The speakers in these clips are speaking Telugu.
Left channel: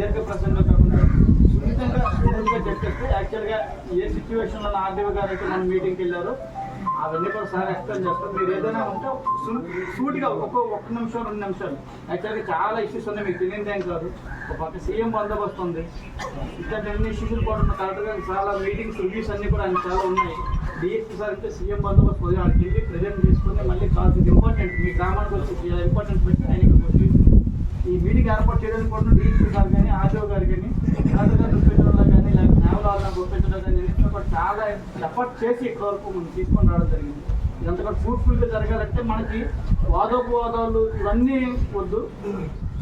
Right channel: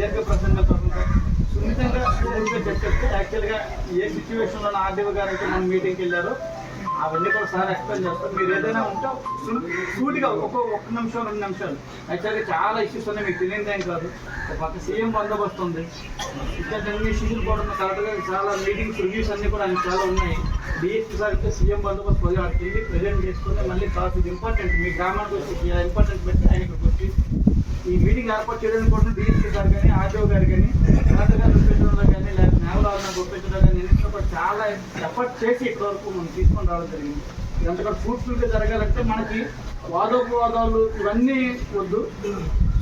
దీర్ఘ ప్రసంగా కాకుండా సున్నితంగా చెప్పేస్తే యాక్చువల్గా ఏ సిచ్యువేషన్లో ఆర్డీఓ గారు మనం మీటింగ్కి వెళ్ళారో అవన్నీ కూడా సార్ ఎక్స్ప్లెయిన్ చేస్తాం. మీరు ఏదైనా ఉంటే సూటిగా ఒక్క నిమిషం 2 నిమిషాలు. యాక్చువల్గా చాలా ఇష్యూస్ ఉన్నాయి, మీకు తెలియదేం కాదు. ఒక పక్క సీఎం బందోబస్తు ఉంది, ఇట్లాంటి అన్ని ఇష్యూస్ కూడా ఉన్నాయి. కరెక్ట్గా చాలా మీటింగ్స్ రివ్యూస్ అన్నీ కూడా ఆయన చాలా ఉన్నాయి. డిఎస్పీ సార్ అయితే సీఎం బందోబస్తు పోయి వాటికి వెళ్ళి ప్రజెంట్ చేసుకుని మళ్ళీ కాదు ఇంపార్టెంట్ మీ గ్రామానికి వచ్చి ఇంపార్టెంట్ పెట్టి ఆయన ఇక్కడికి వచ్చి ఈ మీటింగ్ ఏర్పాటు చేయడానికి కూడా డిఎస్పీ సార్ కానీ ఆర్టీఓ గారు కానీ కలెక్టర్ గారు గుర్తించడంలో కానీ లేదా న్యాయవాదాలను గుర్తించడం కానీ ఎన్నింటిలో కూడా చాలా ఎఫర్ట్ చేసి ఇప్పటి వరకు మనం తీసుకొని రావడం జరిగింది. ఇదంతా కూడా ఫ్రూట్ఫుల్గా జరగాలంటే మనకి వాదోపవాదాలు ఇవన్నీ వద్దు,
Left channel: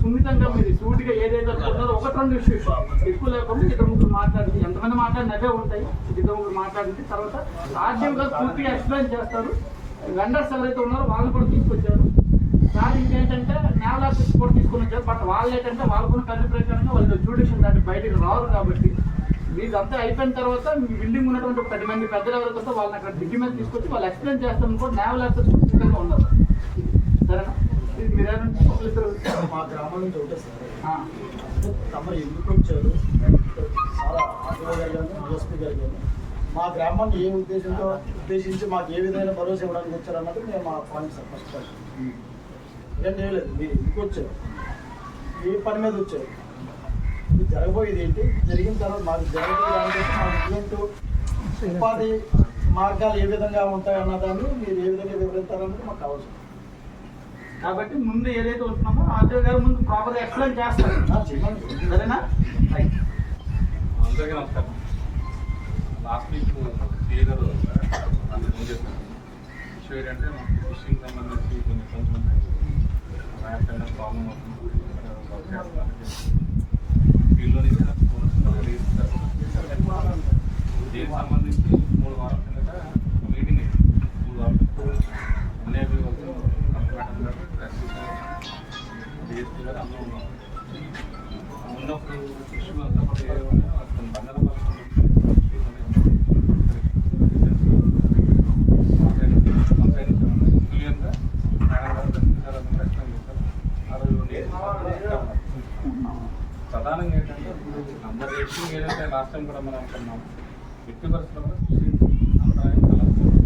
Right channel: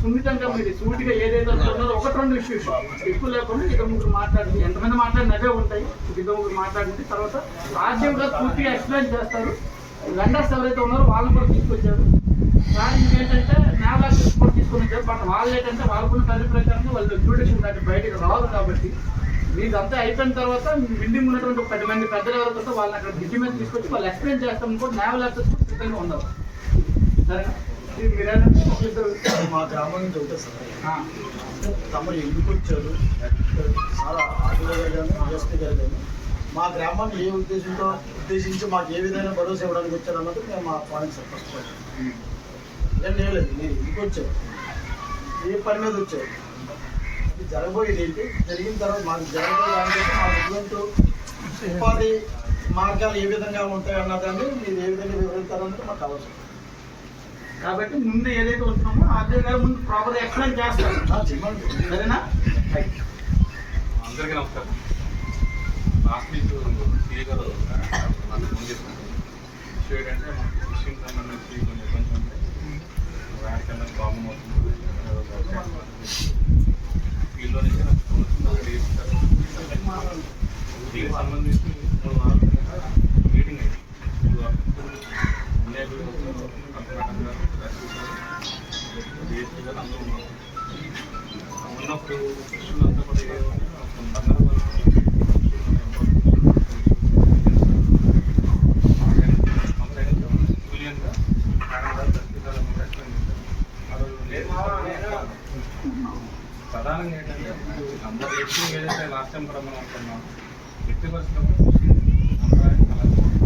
సున్నితంగా మీరు సూటిగా ఏదైతే అనుకుంటున్నారో 1-2 ఇష్యూస్ ఎక్కువ లేకుండా 2-3 మాట్లాడింది. ఎంతమంది మాట్లాడిన అవే ఉంటాయి. 2-3 మాట్లాడింది తర్వాత రాజ్యంగా పూర్తిగా ఎక్స్ప్లెయిన్ చేస్తారు. వెండర్స్ ఎవరైతే ఉన్నారో వాళ్ళని కూడా తీసుకొచ్చారు సార్. ఇంకేంటంటే నేవల్ కూడా తీసుకొని వచ్చారు. బట్ వాళ్ళు ఏంటంటే వాళ్ళకున్న కల్లి ప్రకారంగా వాళ్ళు జ్యూడిషన్ దాటి బయటకు రారు. కాబట్టి మీదంతా అయిపోయిన తర్వాత బిల్డింగ్ ఉన్నటువంటి 10 మంది పెద్దలు ఎవరైతే వాళ్ళని అక్కడ బ్రిడ్జి మీద తీసుకొచ్చి వాళ్ళు ఎక్స్ప్లెయిన్ చేస్తామని కూడా నేవల్ ఆఫీసర్స్ సిద్ధంగా ఉన్నారు. సరేనా? మా గ్రామం నుంచి అవుతుంది సార్. తమరు ఎందుకు వచ్చారు చాలా ఆర్టీఓ గారు కానీ డిఎస్పీ గారు కానీ మా గ్రామాన్ని ఏ ఉద్దేశించి మాకు ఏ విధంగా భరోసా ఇవ్వడానికి వచ్చారు అన్నది మేము మా point sir. First of all ఏం లేదు, మీరు ఎందుకు వచ్చారు, ఏ పని మీద వచ్చారు, ఇది జరగబోయేది ఏంటి, జరిగిన తర్వాత మాకు జరగబోయే దానికోసం మా ఎటువంటి ఉపాధి మార్గాలు ఏ విధంగా ఉంటాయి అన్నదాన్ని మీరు ఏ విధంగా వివరిస్తారన్నది మాకు అవసరం. కాబట్టి ముందు ఏదైతే వస్తున్నామో ఆర్టీఓ గారు ముందు ప్రాపర్గా ఎక్స్ప్లెయిన్ చేస్తారు. సరేనా? అందరికీ నమస్కారం. లాస్ట్ వీక్ సిఏ గారు ఇష్యూ ఏంటంటే మనకి ఫిషింగ్ సంబంధించి కొన్ని ఇబ్బందులు ఉంటాయి. వ్యాక్సిన్ ప్రాబ్లం అవుతుంది. ఫీల్డ్లో నుంచి నాకు దీనికి సంబంధించి 3 వారాల కింద మీటింగ్ అయింది. 3 వారాలు ఎన్ఐబీ డిఎస్పీ గారు అందరూ ఉన్నారు. ఉన్నప్పుడు ఇష్యూలు అంతా కూడా ప్రధానంగా ఏంటంటే అందరు వ్యక్తి ఏదైతే లాస్ట్ టైం కూడా మనం అనుకున్నాం వ్యక్తి పరిస్థితుల్లో ఫిషింగ్ అంతరాయం కలగకూడదు.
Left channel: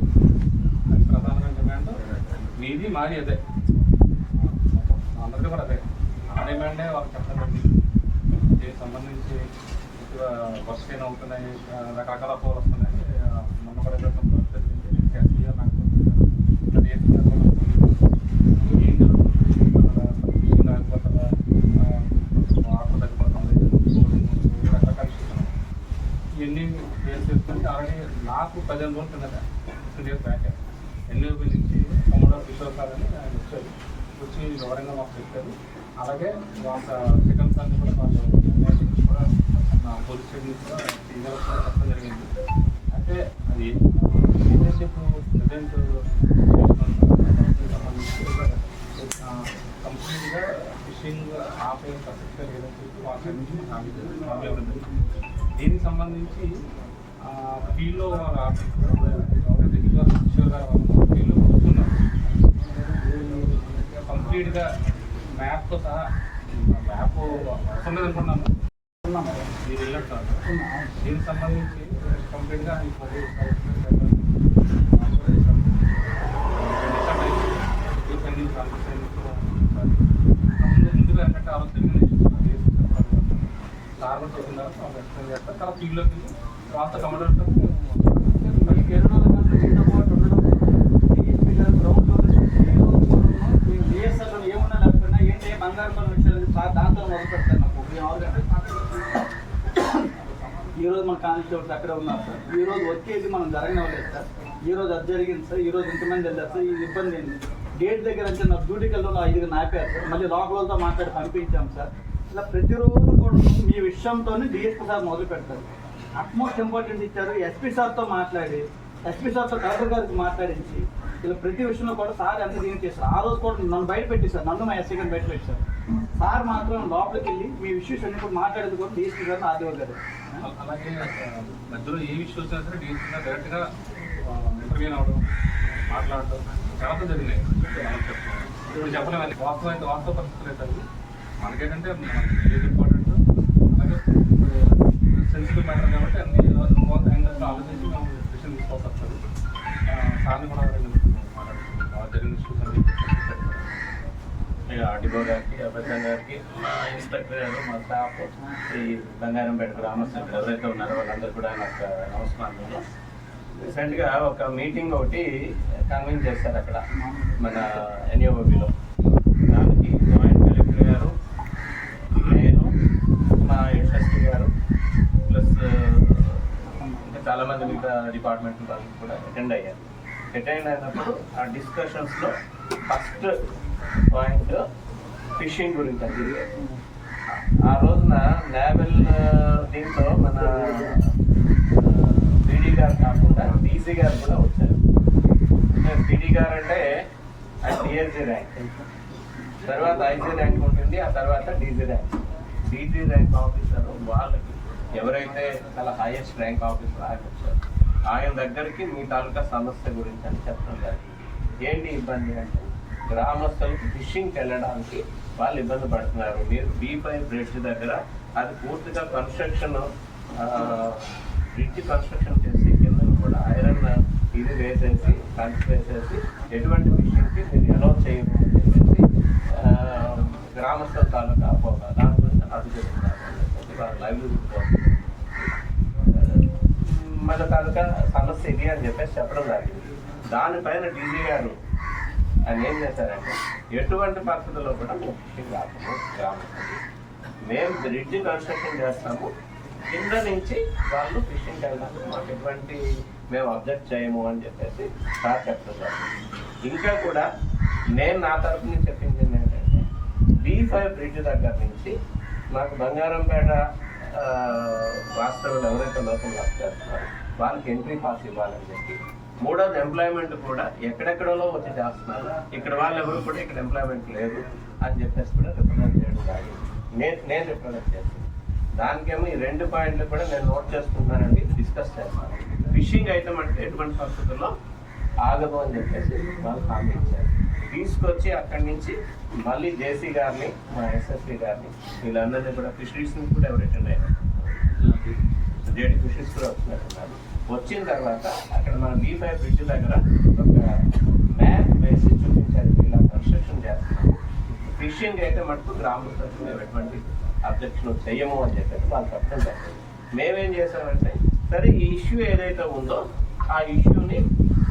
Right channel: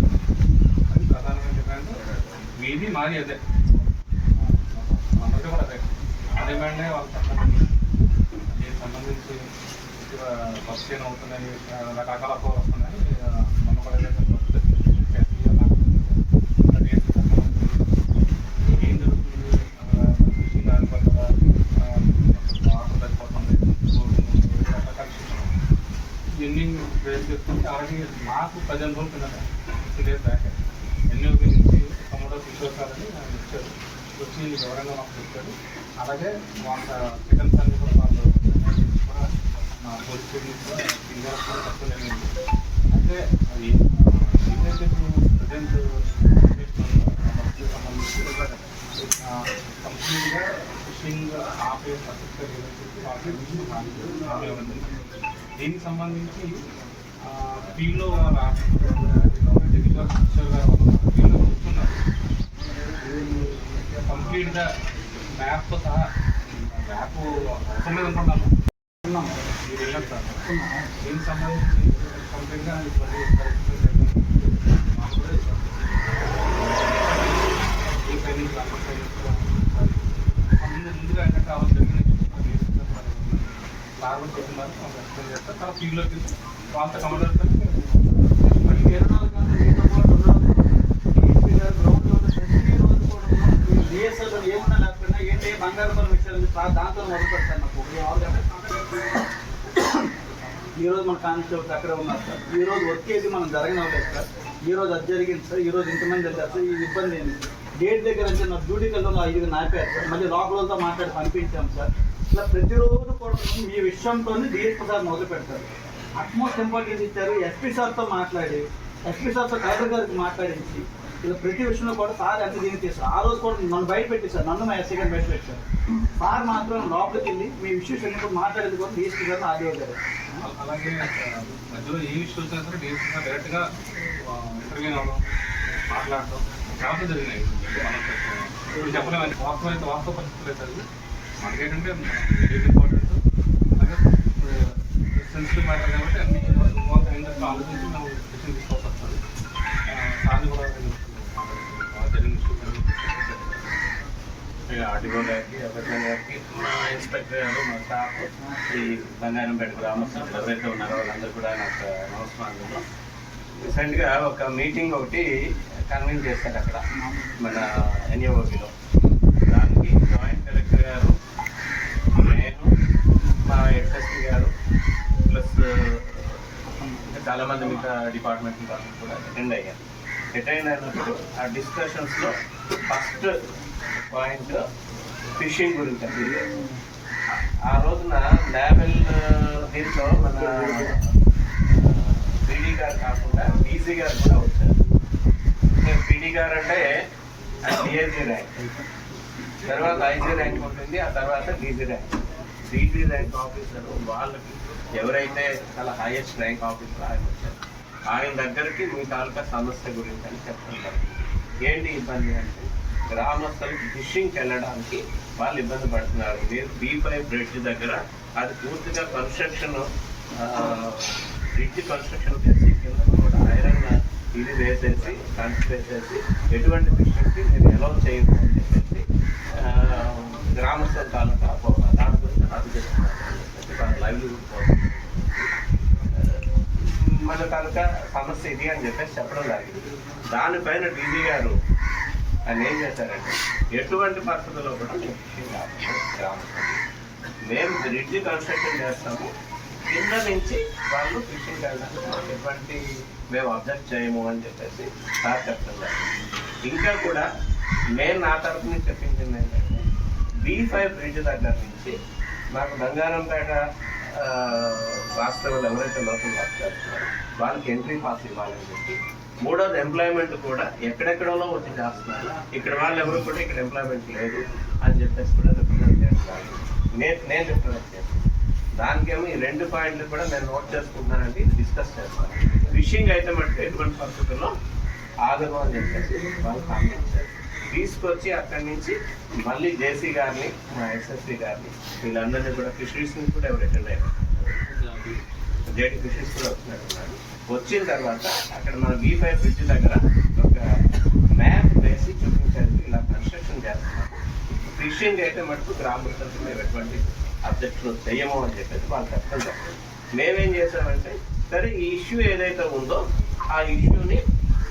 అది ప్రధానమైన డిమాండ్. మీది మాది అదే, అందరికీ కూడా అదే. ఆ డిమాండే వాళ్ళకి చెప్పండి. దీనికి సంబంధించి బస్ ట్రైన్ అవుతున్నాయి, రకరకాల ఫోర్ వస్తున్నాయి. మొన్న కూడా ఏం జరుగుతుంది, దానిపోతుందా, వాటర్ తగ్గిపోతుంది, రకరకాల ఇవన్నీ ఫేస్ చేసుకుంటే అలాగే నాకు 15 రోజుల కిందట 6 days బ్యాక్ ఎన్యూపీ నుంచి తమ్ముడు కిషోర్ సార్ అని ఆయన వచ్చారు. వచ్చి వివరంగా మాకు చెప్పారు. అలాగే వాళ్ళ సెకండ్ సార్ని కూడా వాళ్ళు కూడా పోలీస్ స్టేషన్ కూడా సింగర్ కూడా చెప్పడం జరిగింది. అయితే అది ఏదైతే ప్రజెంట్ సంబంధించి కంప్లీట్గా ఫిషింగ్ ఆపే పరిస్థితి లేదని చెప్పి వాళ్ళ నుంచి దీనికి సంబంధించి ఫీల్డ్లో కిషోర్ గారు ఫీల్డ్లో కూర్చున్నారు. కంప్లీట్గా మ్యాప్తో సహా మ్యాప్ అవసరం లేదనుకున్నాను మీరు వెళ్ళారు సార్. దీనికి సంబంధించి కంప్లీట్గా ముందుగా ఏంటంటే అలా జరిగిన సార్ కూడా చెప్తున్నారు ఎక్స్ప్లెయిన్ చేస్తారు. తర్వాత ఫీల్డ్లోకి వెళ్ళి వాళ్ళతో కమాండర్ మళ్ళీ 24 గంటలు డిఎస్ఎల్ ఏమన్నా లేకపోయినా ఏంటి బంగారు పనులు విషయాలు దాంతో మొదలు పెడతాను. ఈరోజు మన కానిస్టేబుల్స్ అక్కడే ఉన్నారు సార్. ఈరోజు వర్క్ ఏది మనం జరగనవ్వలేదు సార్. ఈరోజు అది జరిగింది సార్. ఈరోజు ఇంతమంది వెళ్ళారు సార్. ఈ ఇబ్బంది ఏంటి గేట్ దగ్గర అంటే నా డ్యూటీ కల్లో 5 నాపారు సార్. మళ్ళీ లోపలతో మాట్లాడి పంపించాం సార్. ఇట్లా ప్రతిరోజు కూడా ఈ విషయంతో డిఎస్పీ సార్ మొదలు పెడతారు. అట్మోస్ట్ ఇంపార్టెన్స్ ఇచ్చారు. ఎస్పీ సార్తో మాట్లాడి ఎస్పీ సార్తో కలెక్టర్ గారికి మాట్లాడించి ఇలా ప్రతి విషయంలో కూడా సార్ ఎంత దీనికి చేస్తారు. ఆ రోజు కూడా నన్ను బయట పెట్టేశారు, నన్ను మా ఎస్ఐ గారిని బయట పెట్టారు. సార్ మాత్రం లోపలికి వెళ్ళి మీ ఇష్యూస్ అన్ని కూడా మాట్లాడేది కూడా డిఎస్పీ గారు ఆర్డీఓ గారు. అలాగే మధ్యలో ఏ ఇష్యూ వచ్చినా సరే డిఎస్పీ గారు డైరెక్ట్గా ఇంటర్వ్యూ అవ్వడం, మాట్లాడటం చాలా జరిగినాయి. మనం చెప్పలేము. వాస్తవం అయితే వాస్తవ పరిస్థితులు అయితే మనకేంటంటే మనం ఏది ఇంపార్టెంట్ ఆర్టీఓ గారికి, అభ్యర్థం గారికి, మా ఇన్స్పెక్టర్ గారు, మా స్టాఫ్, ఈ బంగారంపేట గ్రామస్తులు ఎవరైతే ఉన్నారో వాళ్ళందరూ కూడా నాకు నమస్కారం. రీసెంట్గా ఒక మీటింగ్ ఒకటి కన్వీన్ చేశారు అక్కడ మన ఎన్ఏఓబిలో. దానికి జాయింట్ కలెక్టర్ గారు, నేను, మా ఎస్ఎస్పీ గారు ప్లస్ చాలామంది మిగతా డిపార్ట్మెంట్ వాళ్ళు కూడా అటెండ్ అయ్యారు. అటెండ్ అయినప్పుడు ఆ డిస్కషన్స్లో ఫస్ట్ పాయింట్ ఫిషింగ్ గురించి అండి. ఆ రోజున నేవల్ దీంట్లో మన పీడీ గారు కాకుండా డీసీ గారు కూడా వచ్చారు. పీడీ గారు అంటే డిఎస్జీ ర్యాంక్, తర్వాత ఐజీ ర్యాంక్ ఉంటుంది, ఆ తర్వాత DG rank. DG rank officer వాళ్ళకి ఎవరైతే చాలా హైయెస్ట్ ర్యాంక్ ఆఫీసర్ ఆయన వచ్చారు. ఆయన దగ్గరికి మీ తాలూకా సమస్య గురించి అని చెప్పడం జరిగింది. ఏంటి ఇబ్బంది అంటే గ్రామస్తులకి ఫిషింగ్కి వెళ్ళడానికి వాళ్ళు ఇబ్బంది పడుతున్నారు. మీరు B5 బ్రిడ్జ్ దగ్గర అది పూర్తిగా కన్స్ట్రక్షన్, బ్రిడ్జ్ కన్స్ట్రక్షన్ చేసి కింద కూడా ఐరన్ ఇది వేసేసి కంచి వేసేసి ఎటువంటి ఫిషింగ్కి మీరు అలౌ చేయము అని చెప్పేసి గ్రామస్తుల తాలూకా దాని గురించి అది చెప్తున్నారు. లైవ్లీహుడ్ కోసం మన తాలూకా సమస్య ఇది అని చెప్పేసి చెప్పడం జరిగింది. దానిపైన డీజీ గారు ఆయన ఏం చేశారంటే ఎటువంటి పరిస్థితుల్లో కూడా మేము ఫిషింగ్ ఆపము, గ్రామస్తులు మేము బ్రిడ్జ్ కన్స్ట్రక్షన్ చేస్తాము, కింద నుంచి వాళ్ళు ఫిషింగ్ వెళ్ళడానికి మాకు ఎటువంటి మేము అబ్జెక్ట్ చేయము అని చెప్పేసి సార్ చెప్పడం జరిగింది. ఇంకా కూడా నేను నా తరఫు నుంచి చెప్పించింది ఏంటంటే B5 బ్రిడ్జ్ దగ్గర నుంచి మాకు బంగారంపేట వాస్తవులు ఎవరైతే లోకల్ వర్క్ చేస్తున్నారో వాళ్ళకి ఎంట్రీ పాస్ ఇవ్వాలని చెప్పి, మూడోది ఎంప్లాయ్మెంట్ కూడా ఎక్కడెక్కడో వచ్చి చేస్తున్నారు, ఇక్కడ వాళ్ళు ఎవరు కూడా ఇక్కడ ఎంప్లాయ్మెంట్ లేదు అని చెప్పేసి కూడా రిప్రజెంట్ చేయడం కాదు. నేను రిప్రజెంట్ చేస్తాను. దానికేమో ఈ 2 పాయింట్లు కూడా నేను నోట్ చేసుకుంటున్నానండి, ఇది డిస్కస్ చేస్తాను. ఫిషింగ్ అయితే మనకి ఎటువంటి పరిస్థితుల్లో ఆగదు అని చెప్పేసి వాళ్ళు కామెంట్ చేశారు. తీసుకొచ్చి అక్కడి నుంచి మళ్ళీ జేసీ గారిని, మా ఎస్ఎస్పీ గారిని, వీళ్ళందరినీ కూడా ఫిషరీస్ నుంచి కూడా ఎవరు అటెండ్ అయ్యారు, జేటీ ఫిషరీస్ కూడా వచ్చినట్టున్నారు. వచ్చిన తర్వాత అక్కడ మన B5 బ్రిడ్జ్ దగ్గర ఒక మ్యాప్ వేసి చూపించారు, ఇలా కన్స్ట్రక్షన్ చేస్తున్నారు. ఫిషింగ్ అయితే మటుకు గ్రామస్తులకు మేము ఎటువంటి అబ్జెక్షన్ చెయ్యము అని చెప్పేసి వాళ్ళు చెప్పడం జరిగింది. మేమేం చేసామంటే సరే ఈ ఇష్యూ ఏదైతే ఉందో ఆ ఇష్యూని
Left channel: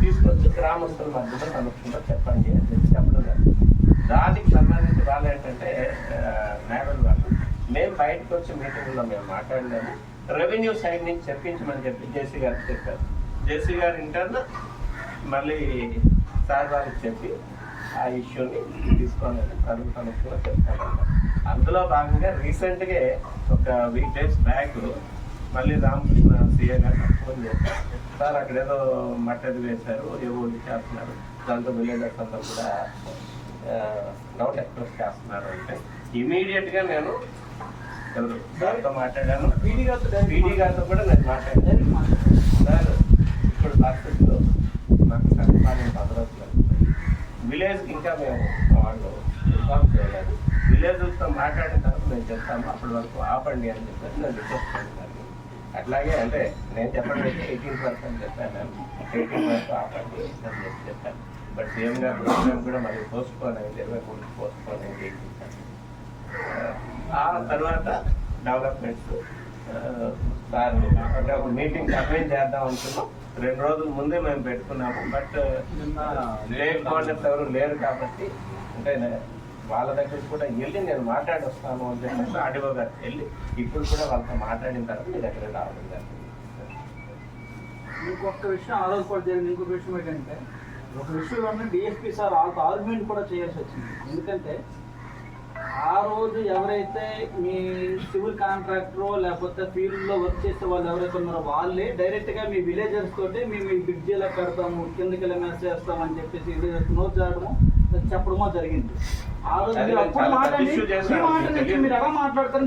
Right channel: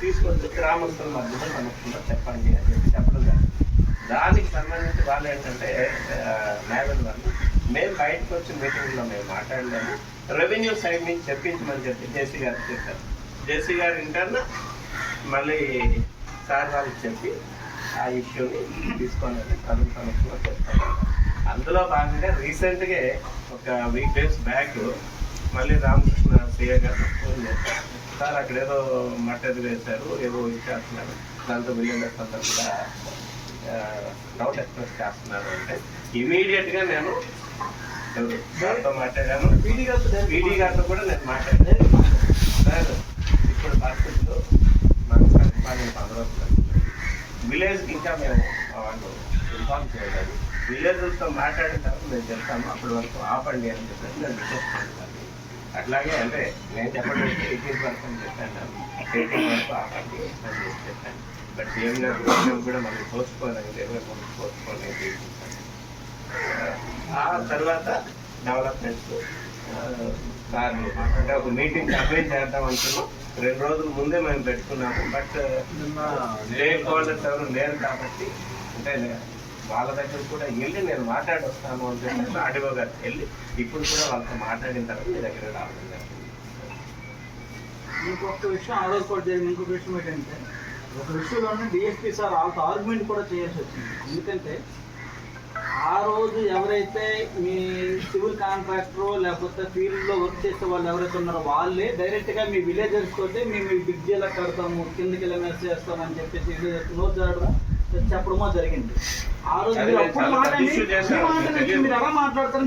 తీసుకొచ్చి గ్రామస్తుల మధ్యలో కనుక్కుందో చెప్పండి అని చెప్పి చెప్పడం జరిగింది. దానికి సంబంధించి వాళ్ళు ఏంటంటే నేవల్ వాళ్ళు మేము బయటకు వచ్చిన మీటింగ్లో మేము మాట్లాడలేము, రెవెన్యూ సైడ్ నుంచి చెప్పించమని చెప్పి జేసీ గారికి చెప్పారు. జేసీ గారు ఇంటర్న మళ్ళీ సార్ వాళ్ళకి చెప్పి ఆ ఇష్యూని తీసుకొని కనుక్కుందో చెప్తాను. అందులో భాగంగా రీసెంట్గా ఒక వీక్ డేస్ బ్యాక్ మళ్ళీ రామకృష్ణ సీఏ గారు ఫోన్ చేశారు. సార్ అక్కడ ఏదో మట్టది వేశారు, ఏవో ఇచ్చేస్తున్నారు, దాంతో విలేజర్స్ అందరూ కూడా డౌట్ ఎక్స్ప్రెస్ చేస్తున్నారు అంటే ఇమీడియట్గా నేను సార్తో మాట్లాడాను, పీడీ గారితో కూడా నేను మాట్లాడాను. సార్ ఇప్పుడు పరిస్థితుల్లో మనకు సందీపాన్ని 10 రోజులు విలేజ్కి ఇంకా మేము వాళ్ళు ఇన్ఫార్మ్ చేయలేదు. విలేజ్తో మాట్లాడిన తర్వాత మేము చెప్తాము, అప్పటి వరకు ఆపండి అని చెప్పేసి నేను రిక్వెస్ట్ చేస్తాను. అట్లాగే అంటే నేను చెప్పడం 18th వరకు అని చెప్పాను, 18th వరకు ఆపండి అని చెప్పాను. బట్ సీఎం గారి ప్రోగ్రామ్ కూడా మనకి పోస్ట్పోన్ అయింది, 23 పోస్ట్పోన్ అయింది. ఆ తర్వాత డెవలప్మెంట్స్ సార్ అంటే ఒక మీటింగ్ అరేంజ్ చేద్దాం అనుకున్నాం. 2 రోజుల ముందే మేము పెట్టుకున్నాము. బట్ స్టేక్ హోల్డర్స్ ఎవరు లేరు కాబట్టి అంటే వాళ్ళ దగ్గర కూడా వెళ్ళి నేను మాట్లాడి వస్తాను అని చెప్పి ఆర్డీఓ గారు వెళ్ళి ఇప్పుడు కూడా వాళ్ళతో మాట్లాడిన తర్వాత మీ దగ్గర రావడం జరిగింది. ఇంకొక విషయం ఆ రోజు కూడా జరిగింది. ఇంకొక విషయం ఏంటంటే ఒక విషయంలోనే డిఎస్పీ సార్ వాళ్ళతో ఆర్గ్యుమెంట్ కూడా చేయాల్సి వచ్చింది. ఎందుకంటే ఆ రోజు ఎవరైతే మీ సివిల్ కాంట్రాక్టరో లేకపోతే ఫీల్డ్లో వర్క్ చేసే వాళ్ళు ఎవరైతే ఉన్నారో వాళ్ళే డైరెక్ట్గా మీ విలేజర్స్ తోటి మేము బ్రిడ్జ్ ఎలా కడతాము, కిందకి ఎలా మెస్ చేస్తామని చెప్పేసి విలేజర్స్ నోట్ చేయడము చెప్పడమో జరిగింది. ఆ రోజు మీరు అప్పుడు మీరు ఎలా మాట్లాడతారు,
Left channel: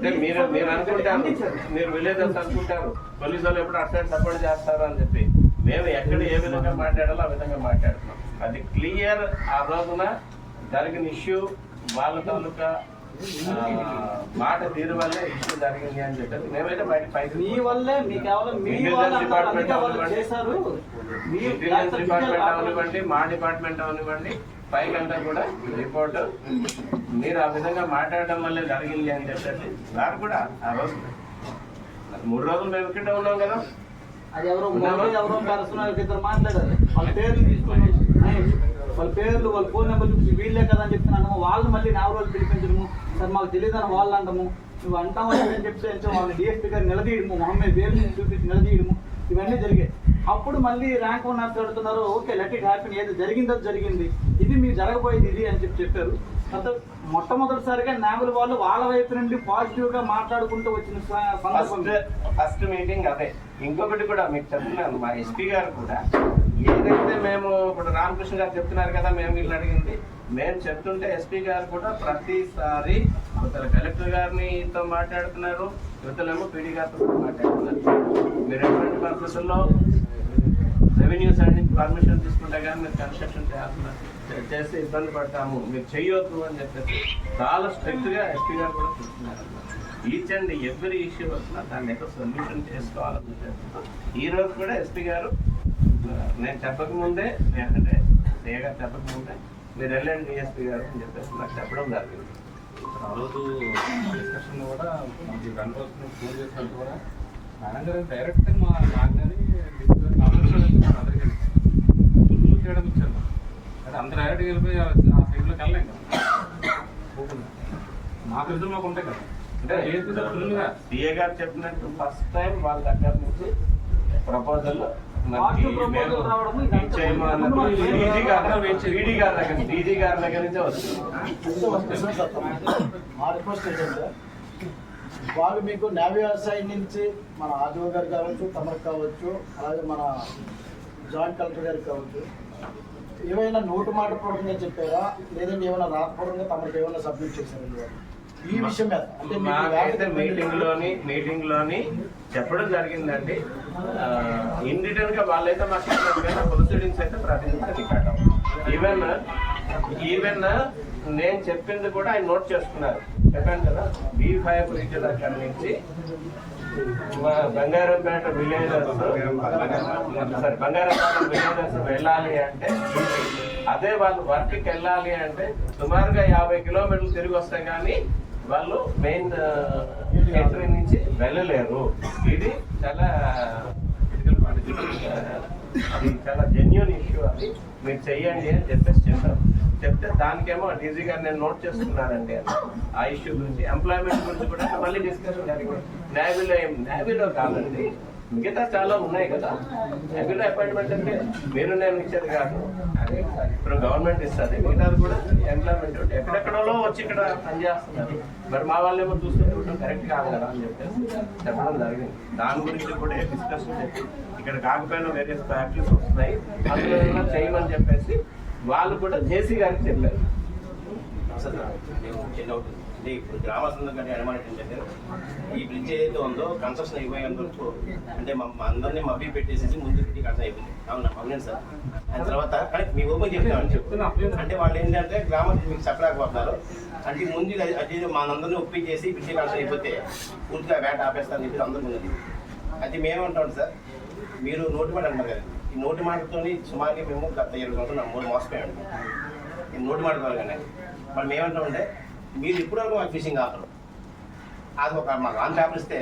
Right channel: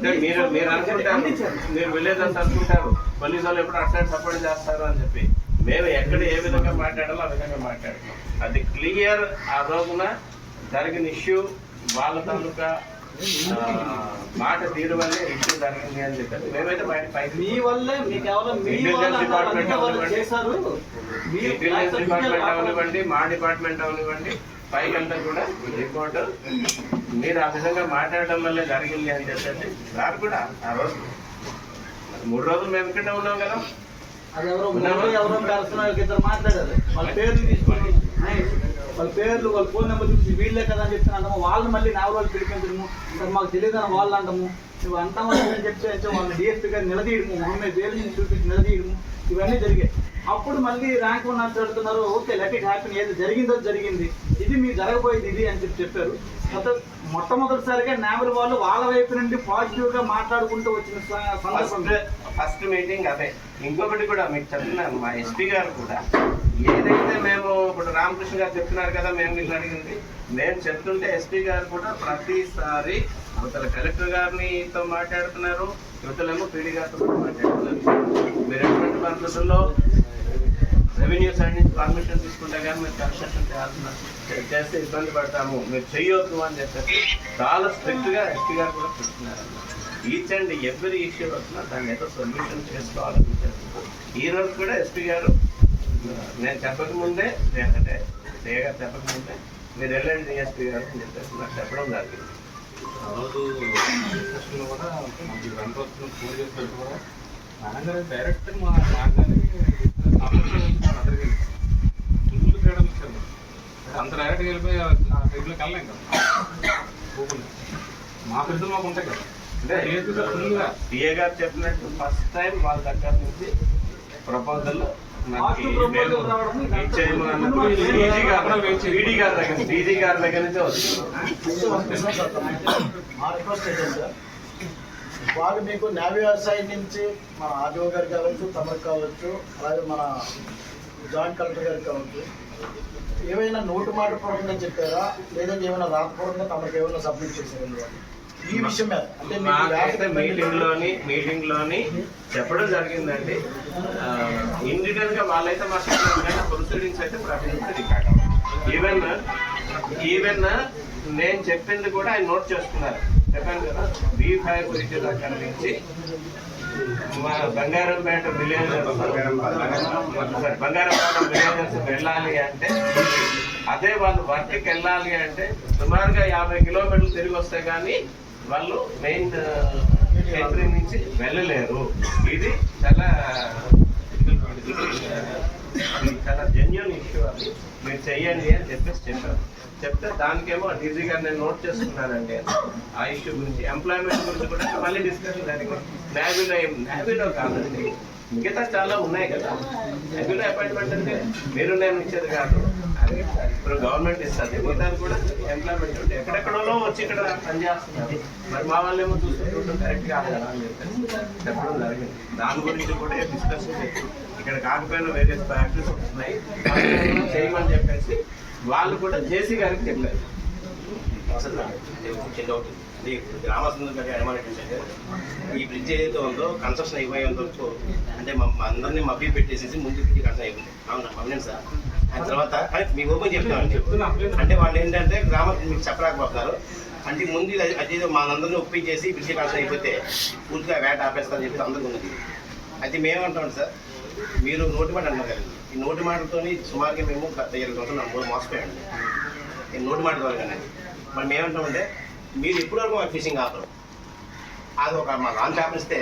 మీరు విలేజర్స్ అనుకుంటారు పోలీసు వాళ్ళు ఎప్పుడు అట్లా సపోర్ట్ చేస్తారు అని చెప్పి మేము ఎక్కడ ఏ విధంగా మాట్లాడాలో ఆ విధంగా మాట్లాడుతున్నాం. అది క్లియర్. ఆ రోజున జరిగిన ఇష్యూ వాళ్ళ తాలూకా మాట తీరు వల్లే ఇష్యూ జరిగింది అని చెప్పారు. మేమైతే బయట మీ వల్లే మీ కేవలం ఇంటెలిజెన్స్ డిపార్ట్మెంట్ అవనివ్వండి, మా డిపార్ట్మెంట్ అవనివ్వండి, పైకంతా కూడా రిపోర్ట్ మీరు ఆ విధంగా మాట్లాడడం వల్లే జరిగింది అని చెప్పేసి సార్ కూడా ఆ రోజు 3 రోజులు మేము ఇక్కడే ఉన్నాం కదా. అది ఎవరో పర్సనల్ ఇద్దరు మాట్లాడారు, వాళ్ళ పేర్లు తీసుకుని వాళ్ళ పేర్లు వాళ్ళ ఫోన్ నెంబర్ చూపించి వీళ్ళే కదా అని చెప్తున్నాము. వాళ్ళు మళ్ళీ నా వాళ్ళు పిలిపించడము, సార్ మాకు తెలియదని వాళ్ళు అంటాము, నువ్వు అంటాము అని చెప్తే వాళ్ళని డిఎస్పీ గారు నిలదీయడము, మొహమ్మద్ పేరు చూపించి నిలదీయడము, ఇవన్నీ జరిగాయి. అప్పుడు మళ్ళీ ర్యాంక్ వన్ అడుగుతున్నారు, ఓకే లెట్ ఇట్ హ్యాపీన్, ఏది జరిగిందో జరిగింది, ఇది మీరు జరగబోయేది ఇది అని చెప్పారు. మొట్టమొదటిసారిగా నావల్ వాళ్ళు వాళ్ళ వైపు నుండి పాజిటివ్ గా మాట్లాడుకుంటూ వచ్చిన సందర్భం ఫస్ట్ మీటింగ్ అదే. ఇంకొకటి కూడా మీకు చెప్తున్నాను, మా ఎస్పీ గారు కూడా ఏదైతే మేము ఇప్పుడు రామకృష్ణ గారు చెప్తున్నారు కదా, మేము వీళ్ళు అడిగింది మేము చెప్తుంటే ఎస్పీ గారు కూడా ప్రతిసారి యువతల కలెక్టర్ గారితో మాట్లాడుతున్నారు, యువతలేమో పీడీ గారితో కూడా మాట్లాడుతున్నారు. మీరు ఎటువంటి పరిస్థితుల్లో రెవెన్యూ సైడ్ నుంచి పర్మిషన్ తీసుకుంటే కానీ మీరు కన్స్ట్రక్షన్ చేస్తే ఇబ్బంది పడతాము, మీరు చెయ్యొద్దు అని చెప్పేసి చాలా స్ట్రిక్ట్గా ఎస్పీ గారు కూడా చెప్తున్నారు. ఈచ్ అండ్ ఎవ్రీ ఇష్యూ వస్తున్నా దాన్ని ఏదో సొల్యూషన్ చేసుకోవాలని ఉద్దేశంతో ఈరోజు కూడా ఎస్పీ గారు నేను చెప్పకముందే, అంటే డే గారు చెప్పకముందే మీరు వెళ్ళండి డిఎస్పీ గారు అని చెప్పేసి నాకు చెప్పడం జరిగింది. ఆ రోజు డిస్కషన్లో కూడా ఈ 2 రోజులు ఫోన్ చేసినట్టు కూడా మేడం గారు డైరెక్ట్ మాట్లాడి అందరికీ ఫుల్ ఫ్రీడమ్ ఇచ్చారు. అంత డైరెక్ట్గా వెళ్ళిపోయి ఆ సైడ్లోకి వెళ్ళలేం కదా, మా పరిస్థితులు మాకు ఉంటాయి కదా. అంటే ఫుల్గా డిఏ గారు చెప్పినట్టు ఫస్ట్ టైం వాళ్ళ దగ్గర నుంచి ప్రపోజల్ డీజీ గారి దగ్గర నుంచే వచ్చింది. మా రిక్వెస్ట్ ఏంటంటే వాళ్ళు మీకు నేవీ సైడ్ నుంచి మన ఆర్డీఓ గారు కావచ్చు, తమకు కావచ్చు, అలాగే మన జాయింట్ కలెక్టర్ గారికి కావచ్చు, ఏవైనా నోటు మాట పూర్వకంగా చెప్పారా, లేదంటే ఏమైనా రాతపూర్వకంగా తమకు ఏమైనా సబ్మిట్ చేశారండి వాళ్ళు ఈ విషయం మీద? అంటే మాకైతే మీటింగ్ లోని చెప్పడం జరిగిందండి. ఇన్ డీటెయిల్ గా వాళ్ళైతే మాట్లాడుతున్నారు కానీ ప్రొసీడింగ్స్ అయితే రికార్డ్ ఈవెన్ నేను చెప్పింది కూడా ఆయన నోట్ చేస్తున్నారు. చెప్పాను కదా, B5 బ్రిడ్జ్ దగ్గర నుంచి మా బంగారంపేట విలేజర్స్ వెళ్ళాలి అంటే, అదే వాళ్ళు వర్క్కి వెళ్ళాలి అంటే సుమారుగా 50 కిలోమీటర్లు తిరిగి వస్తాయి కానీ వాళ్ళు మెయిన్ ఎంట్రీ నుంచి వెళ్ళలేరు. ఇది చాలా జెన్యూన్ ఇష్యూ, అది మీరు చెయ్యండి అని చెప్పేసి చెప్పారు. చెప్తే దానికేమో డీజీ గారు నేను నోట్ చేసుకున్నానండి ఆ ఇష్యూ గురించి. ఎంప్లాయ్మెంట్ గురించి కూడా మళ్ళీ డిస్కషన్ జరిగింది. నేవీలో కాదండి, మిగతా చాలా ఉన్నాయి కదా. నేవీలో అపాయింట్మెంట్ అంటే మీరు నేను ఇచ్చేది కాదు, అది ఇప్పుడు గవర్నమెంట్ ఇస్తుంది. మిగతాది కూడా ఎంప్లాయ్మెంట్ ఉంటే ఎక్కడెక్కడో వచ్చి ఇక్కడ పనిచేస్తున్నారు. మరి మా వాళ్ళేమో చూస్తుంటే కరెక్ట్ కాదు కదా అని చెప్పేసి చెప్పడం జరిగింది. దాని గురించి కూడా డిస్కషన్ చేసి ఇక్కడ కాకపోయినా వేరే ఫ్యాక్టరీస్ వస్తున్నాయి, అందులో చేయమని చెప్పేసి వాళ్ళు కూడా జేసీ గారికి చెప్పారు. అంటే ఇప్పుడు గ్రామస్తులు గారి అనుమానం ఏంటంటే ఈ బ్రిడ్జ్ ఏదైతే ఉందో కన్స్ట్రక్షన్ అయిపోయేంత వరకు అంటే అందరినీ మబ్బి పెట్టేసేసి ముందు కన్స్ట్రక్షన్ అయిపోయింది. అవునండి సార్. దాని తర్వాత మీకు ఓపెన్ చెప్తామండి. అంటే వాళ్ళు ఏంటంటే గ్రామం మీకు చెప్పలేకపోతున్నారు. అంటే ముందు అది మా అందరినీ ఒప్పించేసి బ్రిడ్జ్ కన్స్ట్రక్షన్ అయిపోతే పూర్తిగా వేట ఆపేస్తారని చెప్పి అందరికీ ఉన్నది. అయితే మేమేమంటాం సార్, మీరు నోటి మాట అన్నారు కదండి, ఈ నోటి మాటతో సుమారుగా మేము గత 20 సంవత్సరాలు మోసపోయామండి ఈ నోటి మాట ద్వారా. కానీ మరి మేమంటామంటే మీరు ఎప్పటివరకు మాకు ఫిషింగ్ ఆపరు, అది ఒక మాకు ఆన్ పేపర్ ఇస్తే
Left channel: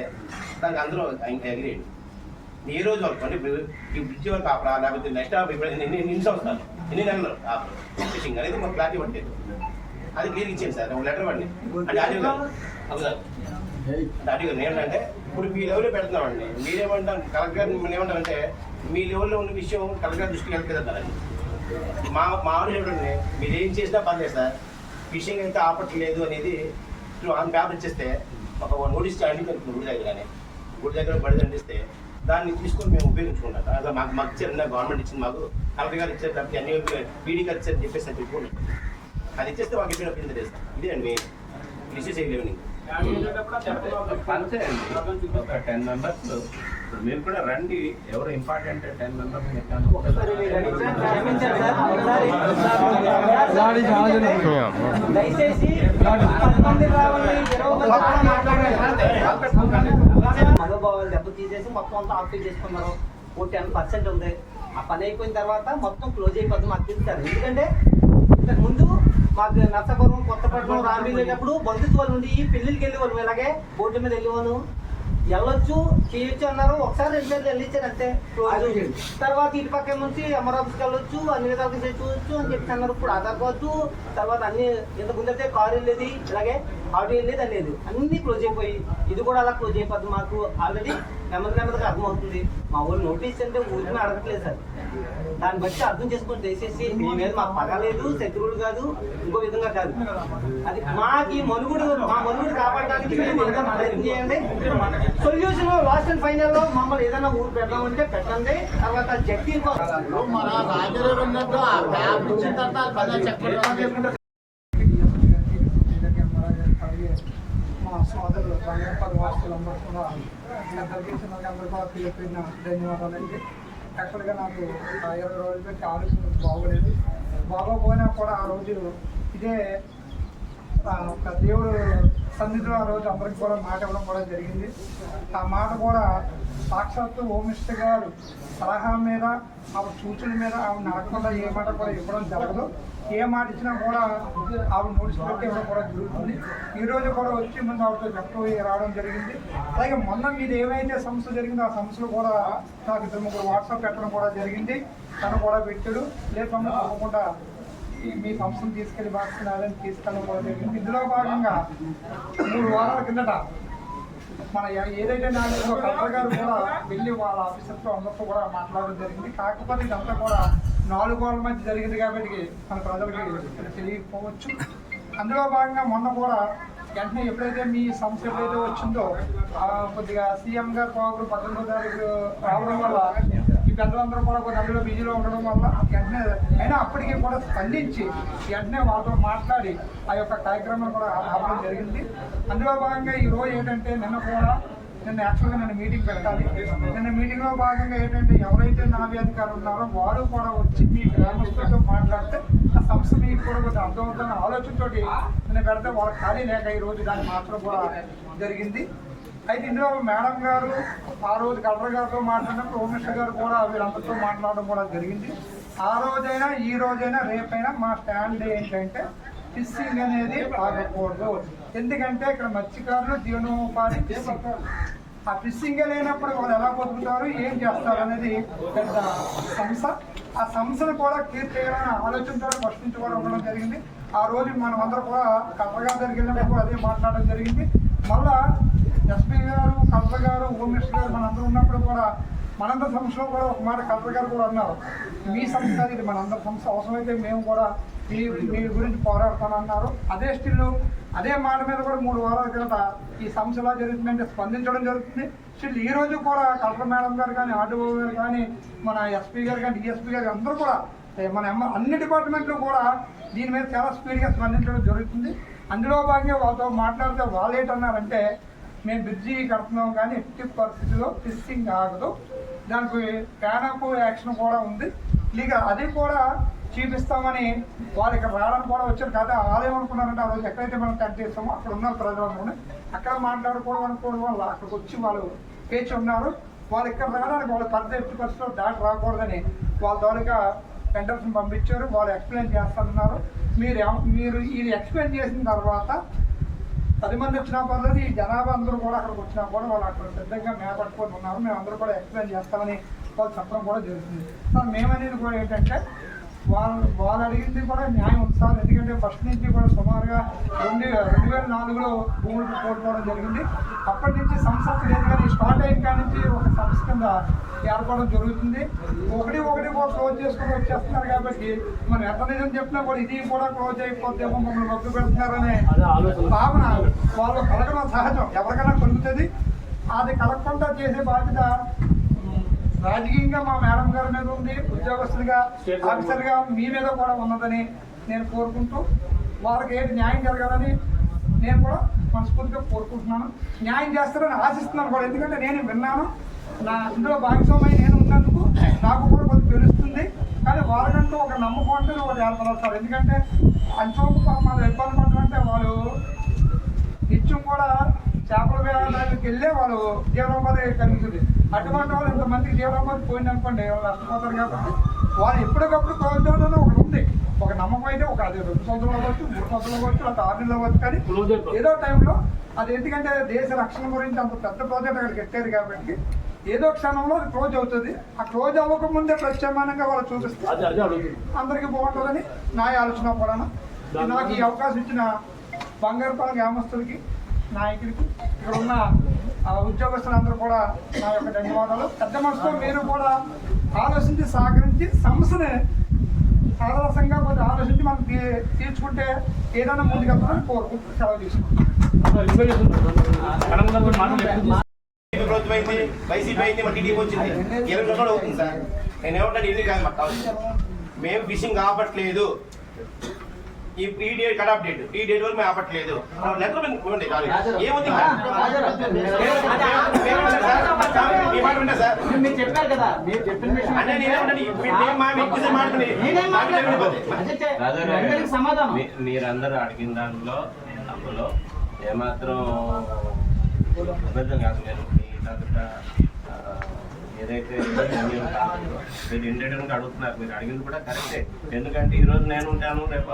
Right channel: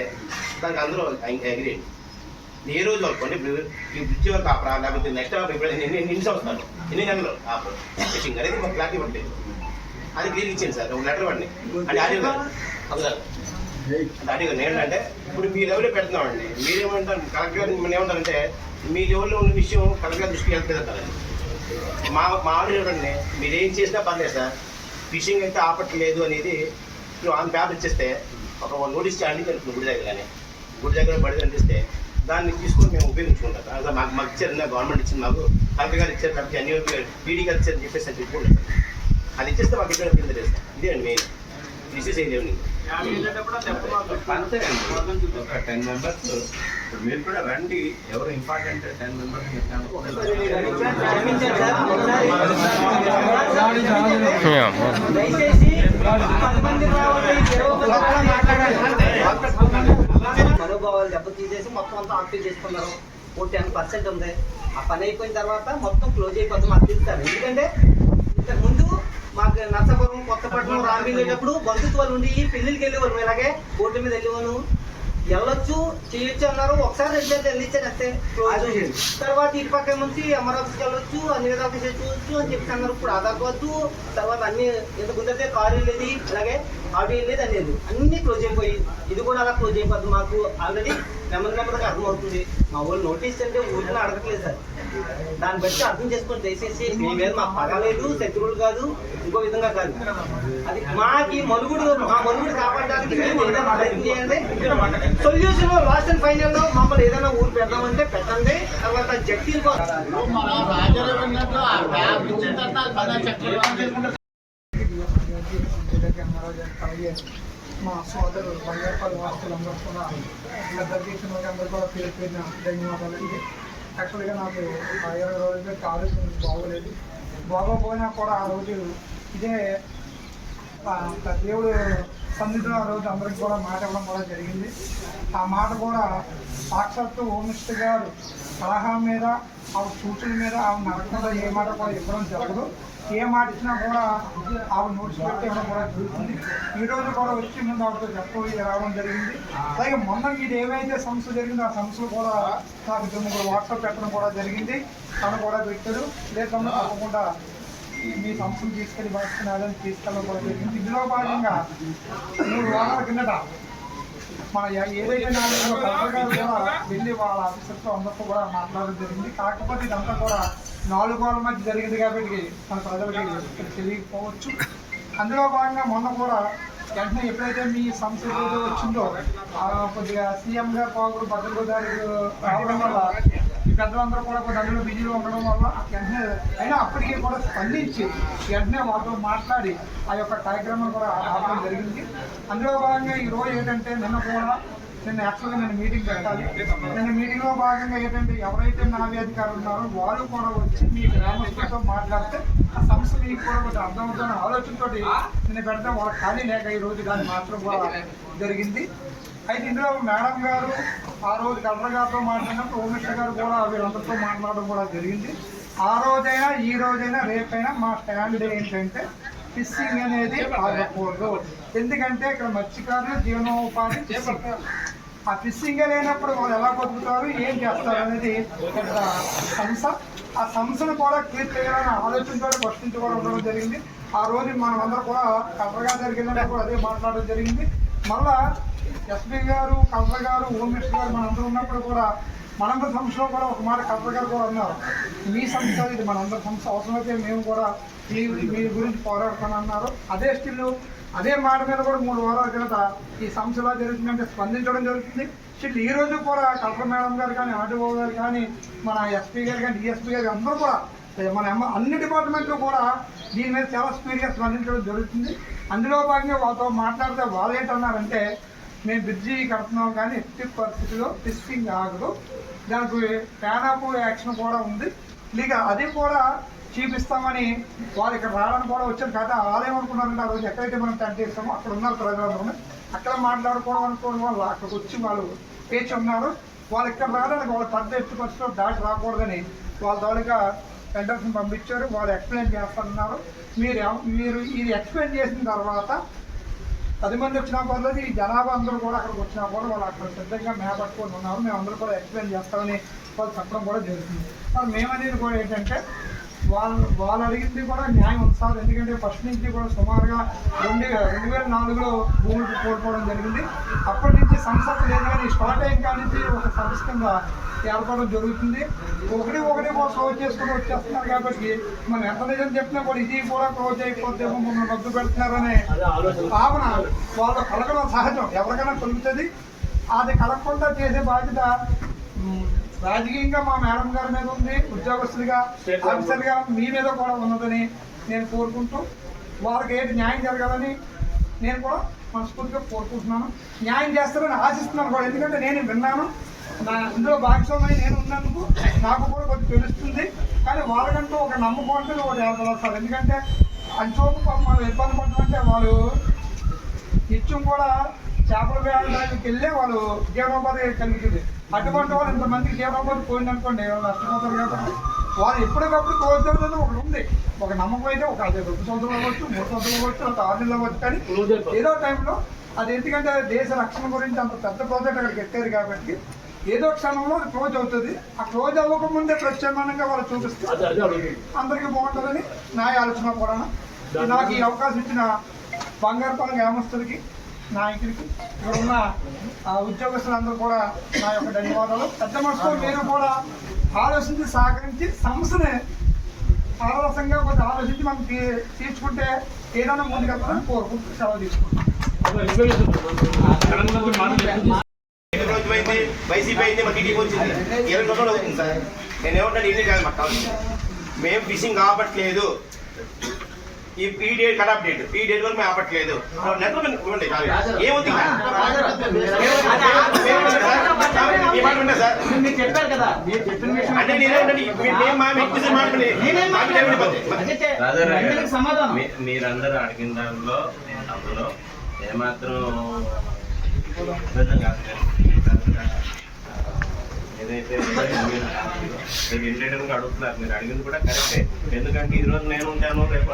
దానికి అందరూ అగ్రీ. ఏ రోజు అనుకోండి ఈ బ్రిడ్జ్ వరకు ఆపరా, లేకపోతే నెక్స్ట్ ఎన్ని సంవత్సరాలు ఎన్ని నెలలు ఆపరు ఫిషింగ్ అనేది మాకు క్లారిటీ పట్టలేదు. అది క్లియర్ ఇచ్చేయండి సార్, ఒక లెటర్ పడి. అంటే ఆడియో గారు అది సార్ ఆడియో గారు ఏంటంటే ఇప్పుడు మీ లెవెల్లో పెడుతున్నామండి. మీరేమంటారు కలెక్టర్ గారు ఏమంటారంటే మీ లెవెల్లో ఉన్న విషయం కలెక్టర్ గారి దృష్టికి వెళ్తుంది అంటారండి. మా ఆడియో చూడండి, మీరు ఏం చేసినా పర్లేదు సార్, ఫిషింగ్ అయితే ఆపట్లేదు అనేది నువ్వు ఆన్ పేపర్ ఇచ్చేస్తే ఒక నోటీస్ చేయండి తెలుపుతుంది గుడి దగ్గర బడి అందిస్తే దాన్ని తీసుకొని మేము ఉపయోగించుకుంటాం. అదే మాకు ఇచ్చారు, గవర్నమెంట్ ఇచ్చింది, మాకు కలెక్టర్ గారు ఇచ్చారు, లేకపోతే అన్ని పీడీ గారు ఇచ్చారని చెప్పేసి అని చెప్పుకోండి. అది ఇచ్చేస్తే మాకు ఇక్కడ కింద చేస్తాం. ఇదే అండి మెయిన్ డిసీజ్ ఏమి అంతే అండి. ఒక 10 మెంబర్స్ మీరు కూడా రండి, ఎవరు ఇంపార్టెంట్ 10 మెంబర్స్ మనోభావాలు దెబ్బ తీసేసి మొత్తం అంతా ఆఫీస్ చేసుకున్నారు. ఓ 10% ఉంది. ఆ పని అయిపోయిన తర్వాత మొత్తం క్లోజ్ అయిపోతుంది మాకు తెలుస్తారు. ఎందుకంటే ఇంతకు ముందు మాకు నర్సాపురం, కొత్తపట్నం, రామ్ వెళ్ళేటప్పుడు బంధుత్వాలు ఉండి పెళ్ళిళ్ళకి వెళ్ళేవాళ్ళు. ఇలాగే బోర్డు మీద వెళ్ళేవాళ్ళు, వెళ్ళొచ్చు చేయొచ్చు అన్నారు. ఒకసారి 2 సార్లు వెళ్ళిచ్చాను అంతే. తర్వాత ఇటు పక్క నుంచి అమరావతికి వెళ్ళొచ్చు, అన్ని విధాలుగా చేసుకోవచ్చు అని చెప్పి అన్నారు. ఇప్పుడు ఆధార్ కార్డు తర్వాత అన్ని ఇంతకు ముందైతే కారు వెళ్ళేది, ఇలాగే ఆటో వెళ్ళేది అనేది అన్ని క్లోజ్ అయిపోయి ఇది కూడా అలా క్లోజ్ అయిపోతుంది. మాకు ఆల్రెడీ నెమ్మదిగా అర్థమవుతుంది. మా ఊళ్ళు నోటీస్ అంటే ఊరిని అడగట్లేదు సార్. దాన్ని బట్టి అర్థం చేసుకుని దయచేసి మీ మీద మాకు పగలేదు, శత్రువులు కాదు, ఇంకో విధంగా కాదు. అది మాకి మనుగుడు, మా మనుగుడు కాపాడడానికి మీరు ఏదైనా ప్రయత్నం చేయండి. సొల్యూషన్ లాస్ట్ అండ్ ఫైనల్ లో మమ్మల్ని ఏదైనా ఊరు పెడదామంటే పెట్టండి. తర్వాత జడ్జీ మా సోదరులు బంగారపల్లి వాస్తులందరూ కూడా అందరికీ కూడా పేరు పేరున ధన్యవాదాలండి. యాక్చువల్గా నాకు 20 రోజుల పెట్టి ఆరోగ్యం బాగోలేదు. బాగోపోయినా కూడా ఆ రోజు ఇదే దేవుడు సన్నిధిలో ఆ రోజు అందరికి కూడా మాట ఇవ్వడం కూడా జరిగింది. ఆ మాట కూడా సాక్షాత్తు హోమ్ మినిస్టర్ గారు సలహా మీద, ఆవిడ సూచన మీద, ఆవిడ నడకుండా ఏ మాట కూడా ఇవ్వడం జరగదు. ఏ మాట ఇచ్చినా కూడా ఆవిడ నోటీస్ పెట్టి ఇవ్వడం కూడా జరుగుతుంది. ఈరోజు కూడా వచ్చి ముందు ఆవిడతో చెప్పబోయి రావడం జరిగింది. అలాగే మొన్న మీరు ఏమైతే సమస్య జరిగిందో ఆ సమస్యలు కూడా నాకు 2-3 వాట్సాప్ పెట్టడం కూడా జరిగింది. తను కూడా పెట్టాడు. లేకుండా తప్పకుండా మీ సంస్థను తీసుకెళ్లి బాగున్నారని తీసుకెళ్ళడం కూడా జరిగింది. ఇందులో భాగంగా 3 వారాల కిందట మన ఏదైతే నాలుగులో కలెక్టర్ గారు కూడా వెళ్ళి వాళ్ళ ఆఫీసర్తో అందరితో కూడా మాట్లాడడం జరిగింది. కాకపోతే ఇదంతా కూడా 4 గోడల మధ్య జరిగింది కాబట్టి మన ప్రజలకి తెలియకపోవచ్చు. అందులో భాగంగా మొన్న కూడా వెంటనే ఎప్పుడైతే మీ సమస్య ఎప్పుడైతే వచ్చిందో కొద్దిగా సీఎం గారు పోగు భద్రత రావడం వల్ల ఈ పెద్దలందరూ కూడా కొన్ని అందులో బిజీలో ఉండడం వల్ల వెంటనే అయినా అప్పటికీ కూడా స్పందించి వెంటనే వాళ్ళతో మాట్లాడి ఆ యొక్క కార్యక్రమాన్ని కూడా ఆపడం జరిగింది. అందులో భాగంగా ఈరోజు ఏంటంటే నిన్న యాక్చువల్గా నేను మీటింగ్ పెట్టాలి. నిన్న మీటింగ్లో భాగంగా ఏంటంటే ఎవరైతే నావీ అధికారులు ఉన్నారో వారు కూడా వచ్చి మీ గ్రామస్తులతో మాట్లాడితే ఆ సమస్య మీకు కూడా కొంచెం అర్థమవుతున్న ఆలోచనతో నేను పెడితే వాళ్ళు ఖాళీ లేక ఈరోజు దాన్ని మాత్రం కూడా జరిగింది. అయితే ఇందులో మేడం గారు ఆ రోజు కలెక్టర్ గారితో మాట్లాడినప్పుడు హోమ్ మినిస్టర్ గారు కూడా వీళ్ళందరితో మాట్లాడడం కూడా జరిగింది. ఆ రోజైనా ఈ రోజైనా రేపైనా మా స్టాండ్ ఏంటంటే ఫిషింగ్ అనేది ఆగకూడదు. ఎందుకంటే ఇక్కడ మత్స్యకారులు జీవనోపాధి ఫిషింగ్. ఆ ఫిషింగ్ లేనప్పుడు వాళ్ళు ఎలా బతుకుతారు, ఏం చేస్తారు అనేది పెద్ద సమస్య. ఆ సమస్యను కూడా క్లియర్ చేయాలనే ఆలోచనతో క్వశ్చన్స్ కూడా ఉండడం జరిగింది. ఆ రోజు మనమందరూ కూడా కలెక్టర్ గారి దగ్గరికి వెళ్ళినప్పుడు అదే మాట్లాడడం జరిగింది. మళ్ళా ఎస్పీ గారు, కలెక్టర్ గారు, హోమ్ మినిస్టర్ గారు మనందరూ ఉన్నప్పుడు కూడా మనందరి సమస్యలో కూడా ఒక మాట కలెక్టర్ గారు కూడా అన్నారు, మీ సమస్య ఇది మనందరి సమస్య, అవసరమైతే మేము కూడా మీ గురించి పోరాడుతానన్నారు. అదే స్టిల్ అదే మాట మీద కూడా 3 వారాల కిందట ఈ సమస్య ఎలా జరుగుతుందంటే స్పందించడం జరుగుతుంది. స్టిల్ ఈ రోజు కూడా కలెక్టర్ మేడం గారు కానీ, ఆర్డీఓ గారు కానీ, మన ఎస్పీ గారు కానీ, డిఎస్పీ గారు అందరూ కూడా మన అన్ని డిపార్ట్మెంట్లు కూడా దీని మీద చాలా స్పీడ్గా స్పందించడం జరుగుతుంది. అందులో భాగంగా వాళ్ళతో మాట్లాడితే వాళ్ళు ఏంటన్నారంటే మేము బ్రిడ్జి కడుతున్నాం కానీ ఎట్టి పరిస్థితిలో ఫిషింగ్ ఆగదు, దానికి ప్లాన్ ఆఫ్ యాక్షన్ కూడా ఉంది, ఇక అది కూడా చూపిస్తామని వాళ్ళు ఇక్కడ రావడానికి కూడా వచ్చారు. కదా వాళ్ళు ఏమనుకున్నారంటే ఆ రోజు ఎక్కడైతే మనం టెంట్ ఇస్తామో అక్కడ ఉన్నారు ప్రజలందరూ, అక్కడ మాట్లాడుకోవడం అనుకోవడం వాళ్ళు అక్కడికి వచ్చి వాళ్ళు పేచి ఉన్నారు. వాళ్ళు ఇక్కడ రావడానికి వాళ్ళు పెద్ద ఎత్తు పరిస్థితిలో దాటి రాకూడదని వాళ్ళ తోలిగా టెండర్స్ని పంపించారు. వాళ్ళు ఎక్స్ప్లెయిన్ చేస్తున్నారు. మీరు ఇది ఎక్స్ప్లెయిన్ చేసిన తర్వాత 10 మంది వచ్చినా పర్లేదు, ఈ జనాభా అందరూ కూడా అక్కడికి వచ్చినా కూడా వాళ్ళు అక్కడ సిద్ధంగా మేపట్టుకొని ఉన్నారు, మేము అందరూ కూడా ఎక్స్ప్లెయిన్ చేస్తామని వాళ్ళు చెప్పడం కూడా జరుగుతుంది. మేమనేది కూడా ఏంటంటే వాళ్ళు అడిగింది కూడా న్యాయం ఉంది సార్. ఎందుకంటే ఫస్ట్ నుంచి కూడా సుమారుగా 2004లో భూములు కోల్పోవడం జరిగింది. అప్పటి నుంచి సంస్థ లేదు కానీ స్టార్ట్ అయిన కాడి నుంచి ఒక సంస్థ కింద ఏర్పడడం జరుగుతుంది. ఒకటి కూడా క్లోజ్ చేసుకుని వచ్చేస్తున్నారు కాబట్టి మనం ఎంత నిజం చెప్పినా కూడా ఇది కూడా క్లోజ్ అయిపోతేమో మమ్మల్ని మద్దతు పెడుతున్నారనే భావన వాళ్ళు కలగడం సహజం, ఎవరికైనా కలుగుతుంది. అది కలగకుండా చేసే బాధ్యత రాజకీయంగా మా మేడం గారి మీద ఉంది, ఉద్యోగస్తులుగా ఆఫీసర్గా మీ మీద కూడా ఉన్నదని నేను కోరుకుంటూ వాళ్ళకి ఏంటి న్యాయం జరగాలని నేను కూడా మనస్ఫూర్తిగా కోరుకుంటున్నాను. న్యాయం చేస్తారని ఆశిస్తున్నాను కూడా, ఎందుకంటే నేను విన్నాను, నా ఇందులో భాగస్వామ్యం నేను ఉన్నందుకు నాకు కూడా కొంచెం తెలుస్తుంది. కానీ వాళ్ళకంటూ ఒక నమ్మకం అంటే ఒకటి ఏర్పడాలి సార్. ఎందుకంటే అంచోపు మనం ఇబ్బంది పడమంటే వాళ్ళు నిత్యం కూడా చేపల వేయడానికి వెళ్ళే వాళ్ళు జీవనోపాధి కలుగుతుంది. అటువంటి వాళ్ళు ఇంతమందికి జీవనోపాధి పోయిందనుకోండి వాళ్ళు నష్టపోతారు కాబట్టి వారు ఎప్పటికప్పుడు క్లోజ్ అవుతుంది ఒకటి ఉంది, ఒక నమ్మకం అయితే ఒక అదే 2 సంవత్సరాలు అవ్వచ్చు, 3 సంవత్సరాలు అవ్వచ్చు, లేకపోతే 6 నెలలు అవ్వచ్చు. కానీ ఏదో టైంలో అది ఎందుకంటే దేశ రక్షణ గురించి అంత పెద్ద ప్రాజెక్ట్ అక్కడ పెట్టారు కాబట్టి ఏదో క్షణంలో అది క్లోజ్ అవుతుంది. ఆ క్లోజ్ అవ్వకముందే ప్రత్యామ్నాయంగా వాళ్ళు చూపిస్తే అందరికీ బాగుంటుందని నా ఆలోచన కూడా. నాకు ఈ అవకాశం ఇచ్చిన బంగారుపాలెం గ్రామస్తులకి, నాయకులకి, ఇక్కడ ఉన్న ఉద్యోగస్తులందరూ కూడా నా యొక్క ధన్యవాదాలు. పెద్ద మనసుతో మీరు కూడా ఆలోచించి సహకరించి సమస్యని సారసంగా కొంచెం ఆలోచించి మనం తీర్చుకుంటే ఏదైనా ముందుకెళ్తామని కోరుకుంటూ సెలవు తీసుకుంటాం. వైసీపీ అయితే మన టీడీపీ వచ్చింది 20 రోజులు అవుతుంది సార్. నేను ఏమంటాను, ఇది కాదు మాకు కావాలి, మేము ఫిషింగ్ ఆపట్లేదు, ఈ డేట్ కటాప్ డేట్, ఈ డేట్ వరకు మేము ఆపట్లేదు. ఏమంటే సార్ మీరు చెప్పారు కదా, మీరు చెప్పిన సమాధానం మీరందరూ అడిగిన దాంట్లో అందులో ఏమాత్రం అబద్ధం కాదు. ఏదైతే మీరు ఇండియన్గా అడుగుతున్నారు, మీరు అడిగింది కూడా కరెక్టే. ఎందుకంటే ఈ రోజు నేను ఉంటాను, రేపు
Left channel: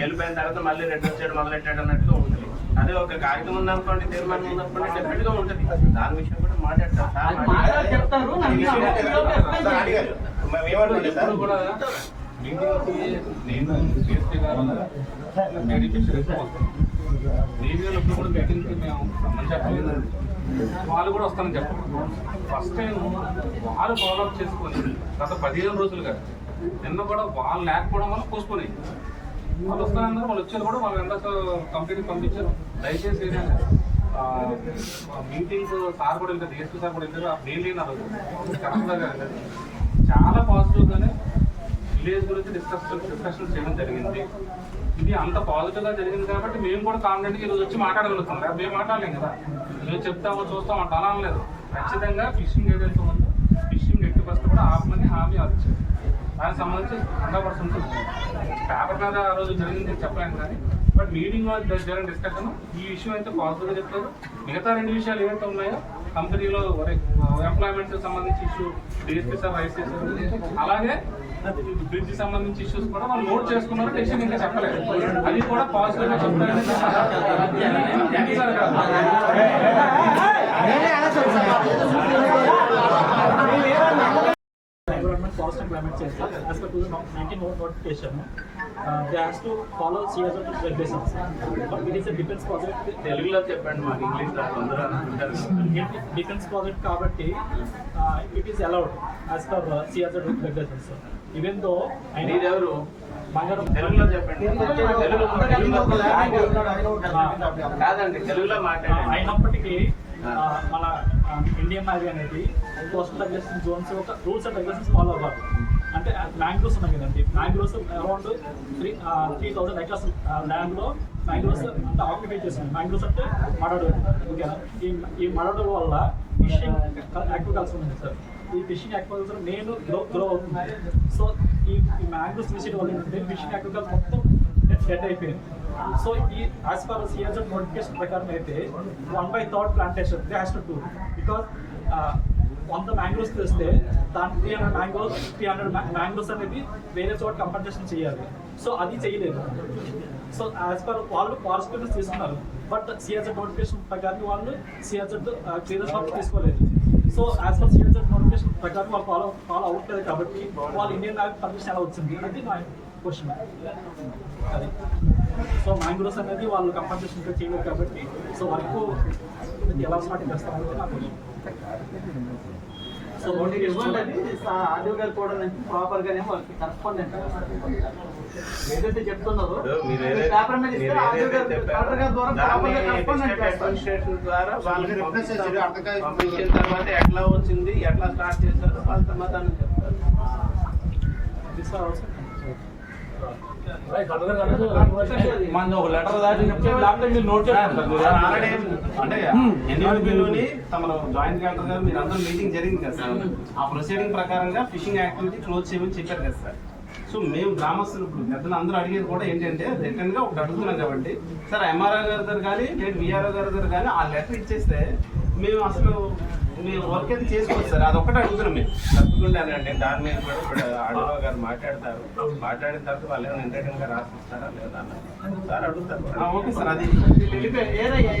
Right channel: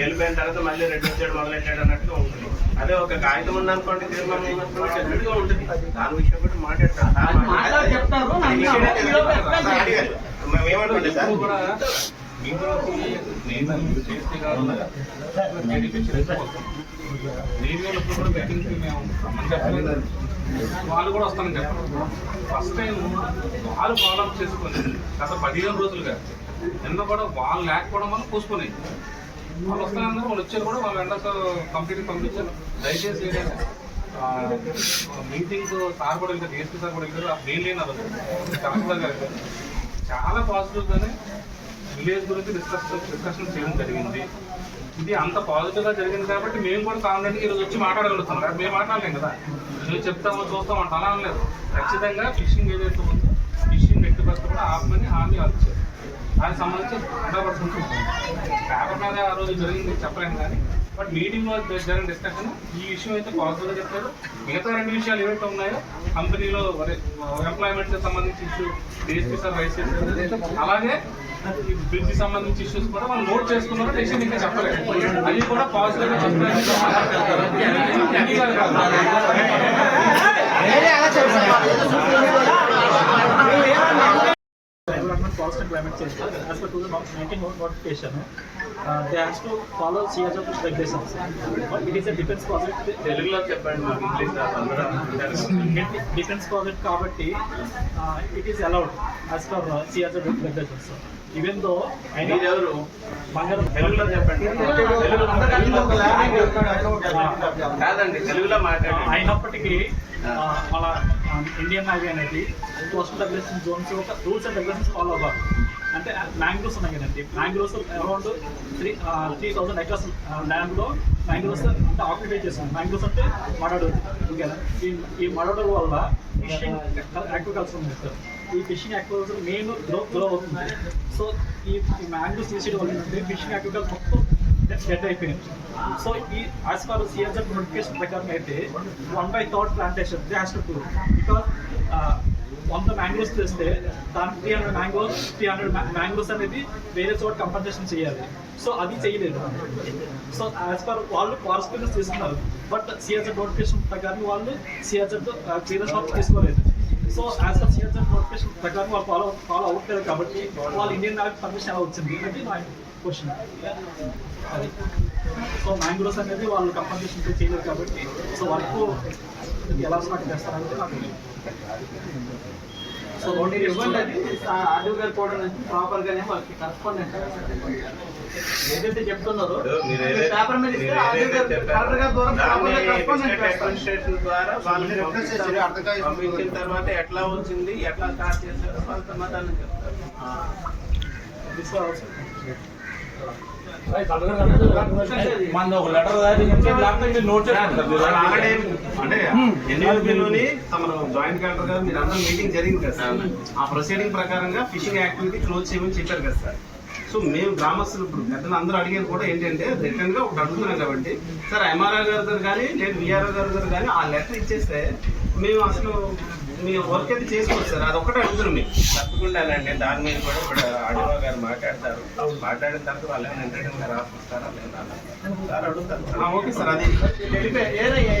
వెళ్ళిపోయిన తర్వాత మళ్ళీ 2 వచ్చాడు మొదలెట్టాడు అన్నట్టుగా ఉంటుంది. అదే ఒక కాగితం ఉందనుకోండి, తీర్మానం ఉన్నప్పుడు డెఫినెట్ గా ఉంటుంది. దాని విషయం కూడా మాట్లాడతారు. వాళ్ళు కూడా వస్తానని చెప్పండి. ఫస్ట్ టైం వాళ్ళు ఫాలోఅప్ చేసుకొని గత 15 రోజులుగా నిన్న కూడా వాళ్ళు లేకపోవడం వల్ల పోసుకొని వాళ్ళు వస్తానన్నారు. వాళ్ళు వచ్చారు కూడా, వాళ్ళు ఎండ కంపెనీకి పంపించారు. దయచేసి ఏంటంటే మీటింగ్ సార్ కూడా వెళ్తారు, డిఎస్పీ సార్ కూడా వెళ్తారు. మెయిన్ లేని కలెక్టర్ గారు చాలా పాజిటివ్గానే విలేజ్ గురించి డిస్కషన్ చేయడం జరిగింది. ఇది అంత పాజిటివ్గా జరిగింది కాబట్టి మేము కూడా కాన్ఫిడెంట్గా ఈరోజు వచ్చి మాట్లాడగలుగుతున్నాం. మేము మాట్లాడలేం కదా, ఈరోజు చెప్తామో చూస్తామంట అలా అనలేదు. ఖచ్చితంగా ఫిషింగ్ ఏదైతే ఉందో ఫిషింగ్ ఎట్టి పరిస్థితి కూడా ఆపమని హామీ వచ్చారు. దానికి సంబంధించి 100% పేపర్ మీద ఆ రోజు జరిగింది చెప్పలేము కానీ, బట్ మీటింగ్లో జరిగిన డిస్కషన్ ఈ విషయం అయితే పాజిటివ్గా చెప్తారు. మిగతా 2 విషయాలు ఏవైతే ఉన్నాయో కంపెనీలో ఎంప్లాయ్మెంట్కి సంబంధించి ఇష్యూ డిఎస్పీ సార్ రైస్ చేశారు. అలాగే ఈ బ్రిడ్జ్ సంబంధించి ఇష్యూస్ కూడా వాళ్ళు నోట్ చేసుకున్నారు. డెసిషన్ ఇంకా చెప్పలేదు, అది కూడా పాజిటివ్గా చెప్తారు. Environment, Forest and Climate Change. As per 2019 notification, they have to follow CSR regulations. But it is a defense project. తెలుగులో చెప్పండి, మాకు ఇంగ్లీష్ Defense project కాబట్టి it is allowed as per CSR regulations. Even though మీరెవరు తెలుగులో చెప్పండి, కాదండి తెలుగులో మాట్లాడండి. అయినప్పటికీ మన ఇండియన్ నేవీ అనేది కోస్టల్ రెగ్యులేషన్ జోన్స్ ఒక రూల్స్ అండ్ రెగ్యులేషన్స్ ఫాలో అవ్వాలి. అంటే మ్యాంగ్రోవ్స్ ఉన్నాయి కదండి, మ్యాంగ్రోవ్స్ అరౌండ్ 3,000 ఎకర్స్ ల్యాండ్లో మ్యాంగ్రోవ్స్ అంటే ఆక్యుపై చేస్తుంది. మ్యాంగ్రోవ్స్ అంటే మడడోలు, ఓకేనా? ఈ మడడోల వల్ల ఫిషింగ్ ఆక్వాకల్చర్ ఉంది సార్. ఈ ఫిషింగ్ ఆక్వాకల్చర్ మెయిన్ గ్రో అవుతుంది. సో ఈ మ్యాంగ్రోవ్స్ తీసేయడం వల్ల ఏంటంటే ఫిషింగ్ ఆక్వాకల్చర్ మొత్తం డెడ్ అయిపోయింది. సో ఈ యాజ్ పర్ సిఎస్ఆర్ నోటిఫికేషన్ ప్రకారం అయితే 1/3 plantation they has to do. Because 100 mangroves చేస్తే దానికి 300 మ్యాంగ్రోవ్స్ అనేది వేరే చోట కంపన్సేషన్ చేయాలి. సో అది చేయలేదు. సో యాజ్ పర్ వాళ్ళు ఫారెస్ట్ క్లియరెన్స్ తీసుకున్నారు, బట్ సిఎస్ఆర్ నోటిఫికేషన్ ప్రకారం వాళ్ళు సిఎస్ఆర్ క్లియరెన్స్ వాళ్ళు తీసుకోలేదు. So as per CSR notification ప్రకారం వాళ్ళు ఫాలో అవ్వట్లేదు కాబట్టి వాళ్ళు ఇండియన్ నేవీ పర్మిషన్ ఎలా వచ్చింది అనేది నా క్వశ్చన్. అది సో మ్యాంగ్రోవ్స్ అనేది వాళ్ళు కంపన్సేషన్ చేయలేదు కాబట్టి సో వర్క్ ఎలా స్టార్ట్ చేస్తారంటే నాకు సో మీరు ఇవ్వండి, అది ఆడియో గారు కూడా ప్రాపర్ గానే వాళ్ళకి కరెస్పాండెంట్ ఏదైతే చెప్తున్నారో పేపర్ మీద ఇస్తే ఆడియో గారు కలెక్టర్ గారి ద్వారా ప్రాపర్ గా కరెస్పాండెంట్ అడ్మినిస్ట్రేషన్ ద్వారా వాళ్ళకి పంపించిన తర్వాత ఎట్లా వచ్చింది, ఎట్లా స్టార్ట్ చేస్తారో వాళ్ళ సమాధానం చెప్తారు. మన ఒక లెటర్ అంటే ఎన్నికల్లోని తమ జాయింట్ కలెక్టర్ గారు మీరు అందరూ మీటింగ్ జరిగింది కదా సార్. ఆ ప్రొసీడింగ్ ప్రకారంగా ఫిషింగ్ యాక్టివిటీ క్లోజ్ చేయమని చెప్పారు కదా సార్. సో మేము గ్రామస్తులు ఇప్పుడు పెద్దలు అందరూ అడిగేది కూడా ఏంటంటే రిటర్న్ గా ఒకటి అడుగుతున్నాం కాబట్టి సార్ ఎంఆర్ఓ గారి దగ్గర కానీ లేదు విఆర్ఓ గారి దగ్గర కానీ ఆ లెటర్ ఇచ్చేస్తే మేము అసలు మీ వర్క్ అయితే చేసుకోవచ్చు సార్, అది ఒక్కటే అడుగుతున్నాం మేము. తప్పకుండానండి, దాని మీద కూడా ఇప్పుడు ఆడియో గారు మాట్లాడతారు. మాట్లాడిన తర్వాత వాళ్ళు ఏమైనా ఇంటర్వ్యూగా రాసిస్తారా లేదా సార్ అడుగుతారు. ఓకే సార్, అది వెళ్ళిపోయి ఏదయ్యా